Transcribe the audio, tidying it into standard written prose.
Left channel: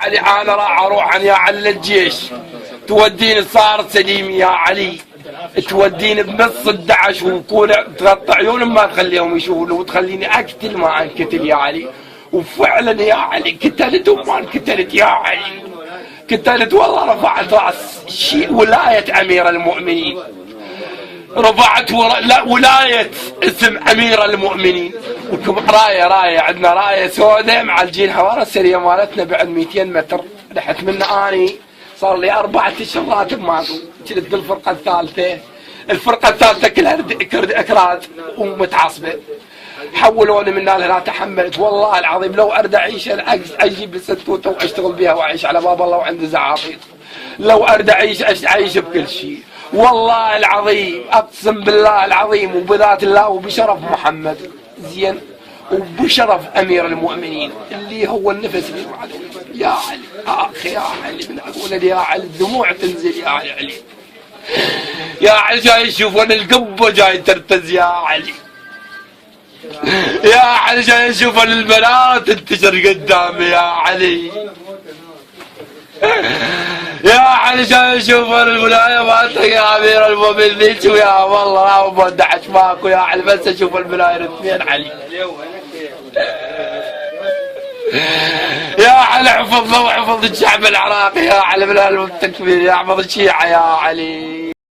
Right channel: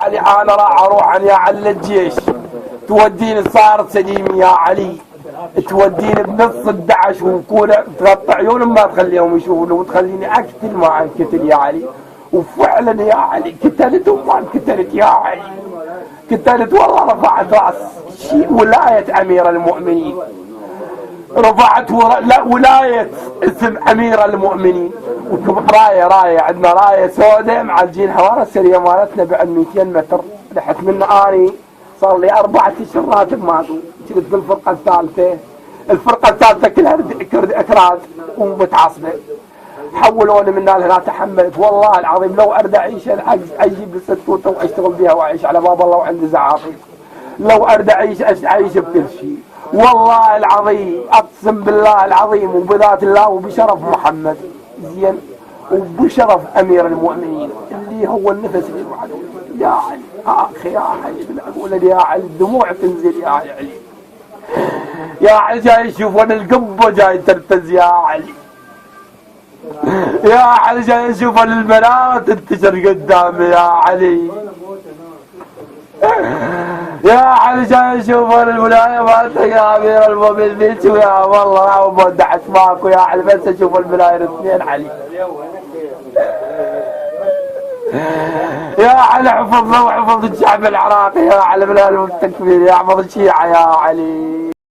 علي انا راح اروح يا على الجيش، توديني صار سليم يا علي، توديني بنص الدعش وكولا تغطي عيونهم ما تخليهم يشوفوا وتخليني اقتل ما انقتل يا علي. وفعلا يا علي قتلت وما انقتلت يا علي، قتلت والله. رفعت راس ولايه امير المؤمنين، رفعت ولايه اسم امير المؤمنين. رايه عندنا رايه سوداء معالجينها ورا السريه مالتنا بعد 200 متر. رحت من اني صار لي 4 اشهر راتب ما جلد الفرقه الثالثه. الفرقه الثالثه كلها اكراد ومتعصبه، حولوني من هنا تحملت والله العظيم. لو ارد اعيش العجز اجيب الستوته واشتغل بها واعيش على باب الله وعندي زعافير. لو ارد اعيش بكل شيء والله العظيم، اقسم بالله العظيم وبذات الله وبشرف محمد زين وبشرف امير المؤمنين اللي هو النفس اللي وعده. يا علي اخي يا علي من اقول يا علي الدموع تنزل يا علي. يا علي جاي يشوفون القبه جاي ترتز يا علي. يا علي جاي يشوفون البنات تنتشر قدامي يا علي. يا علي جاي يشوفون الولايه مالتك يا امير المؤمنين. يا والله لا بودعش ماكو يا علي بس اشوف الولايه الاثنين علي. يا علي احفظنا واحفظ الشعب العراقي يا علي من التكبير، يا احفظ الشيعه يا علي.